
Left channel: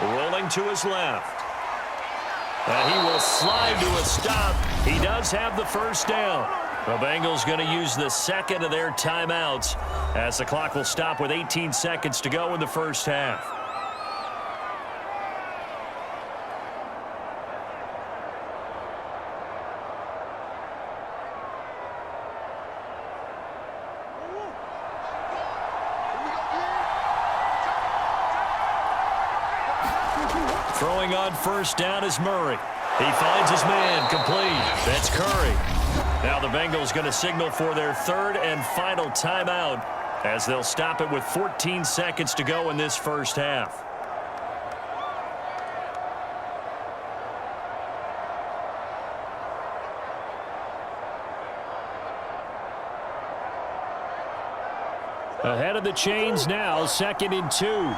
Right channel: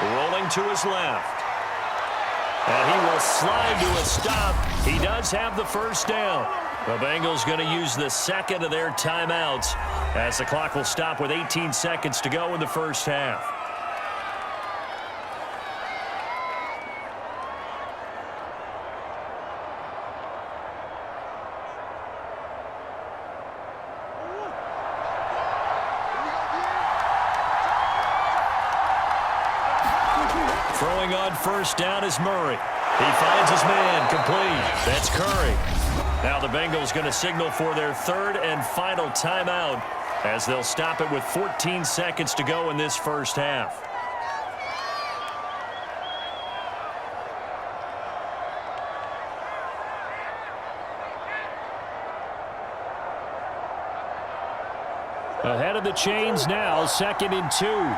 Rolling to his left. And he will slide to a stop. He does have the 1st down. The Bengals going to use the 2nd of their timeouts as the clock will stop with 18 seconds to go in the first half. Throwing on 1st down is Murray. He finds his man, complete. That's Curry. Now the Bengals going to signal for their 3rd and final timeout as they'll stop it with 14 seconds to go in this first half. Ahead of the chains now, 2nd and 2.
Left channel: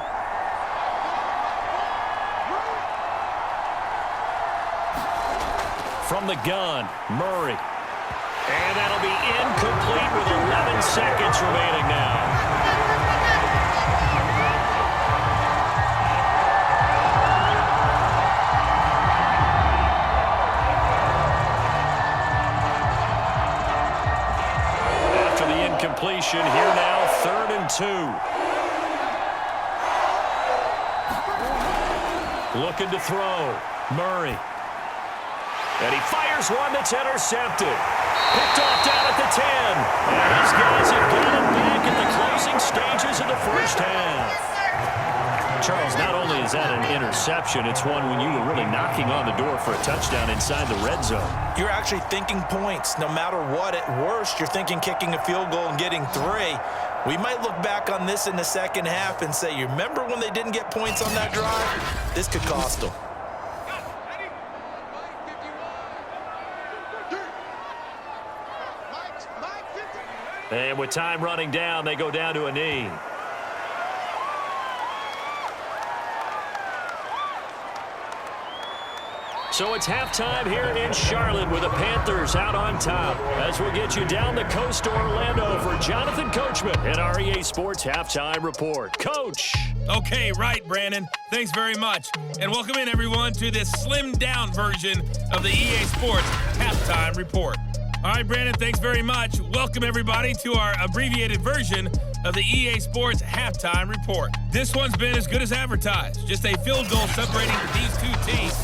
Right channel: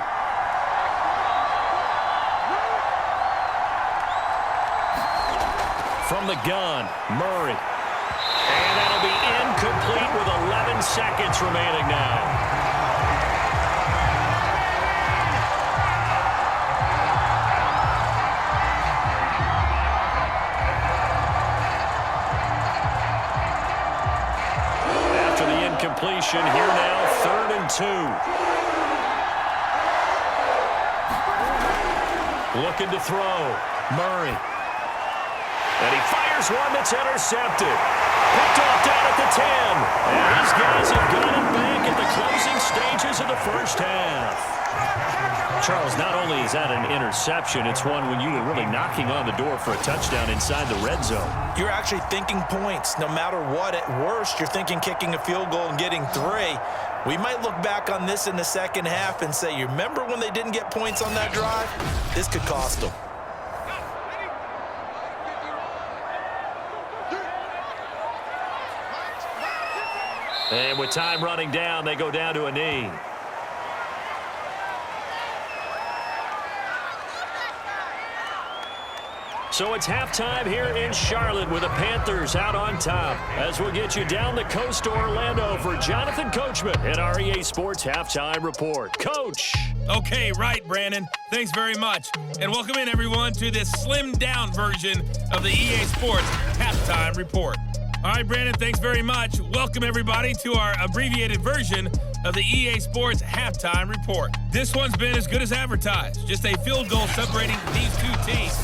From the gun, Murray. And that'll be incomplete with 11 seconds remaining now. After the incompletion, here now, 3rd and 2. Looking to throw, Murray. And he fires one that's intercepted. Picked off down at the 10. And these guys have got it back at the closing stages of the first half. Charles, not only is that an interception, it's one when you were really knocking on the door for a touchdown inside the red zone. You're actually thinking points. No matter what, at worst, you're thinking kicking a field goal and getting 3. We might look back on this in the second half and say, you remember when they didn't get points on that drive? This could cost them. And with time running down, they go down to a knee. So it's halftime here in Charlotte with the Panthers out on top. As we'll get you down the coast to Orlando for Jonathan Coachman at our EA Sports Halftime Report. Coach! Okay, right, Brandon. Thanks very much. And welcome in, everyone, to this slimmed-down version of the EA Sports Halftime Report. All right, Brandon, thanks very much. Welcome, everybody, to our abbreviated version of the EA Sports Halftime Report. This one's been as good as advertised. Just a field goal separating these two teams.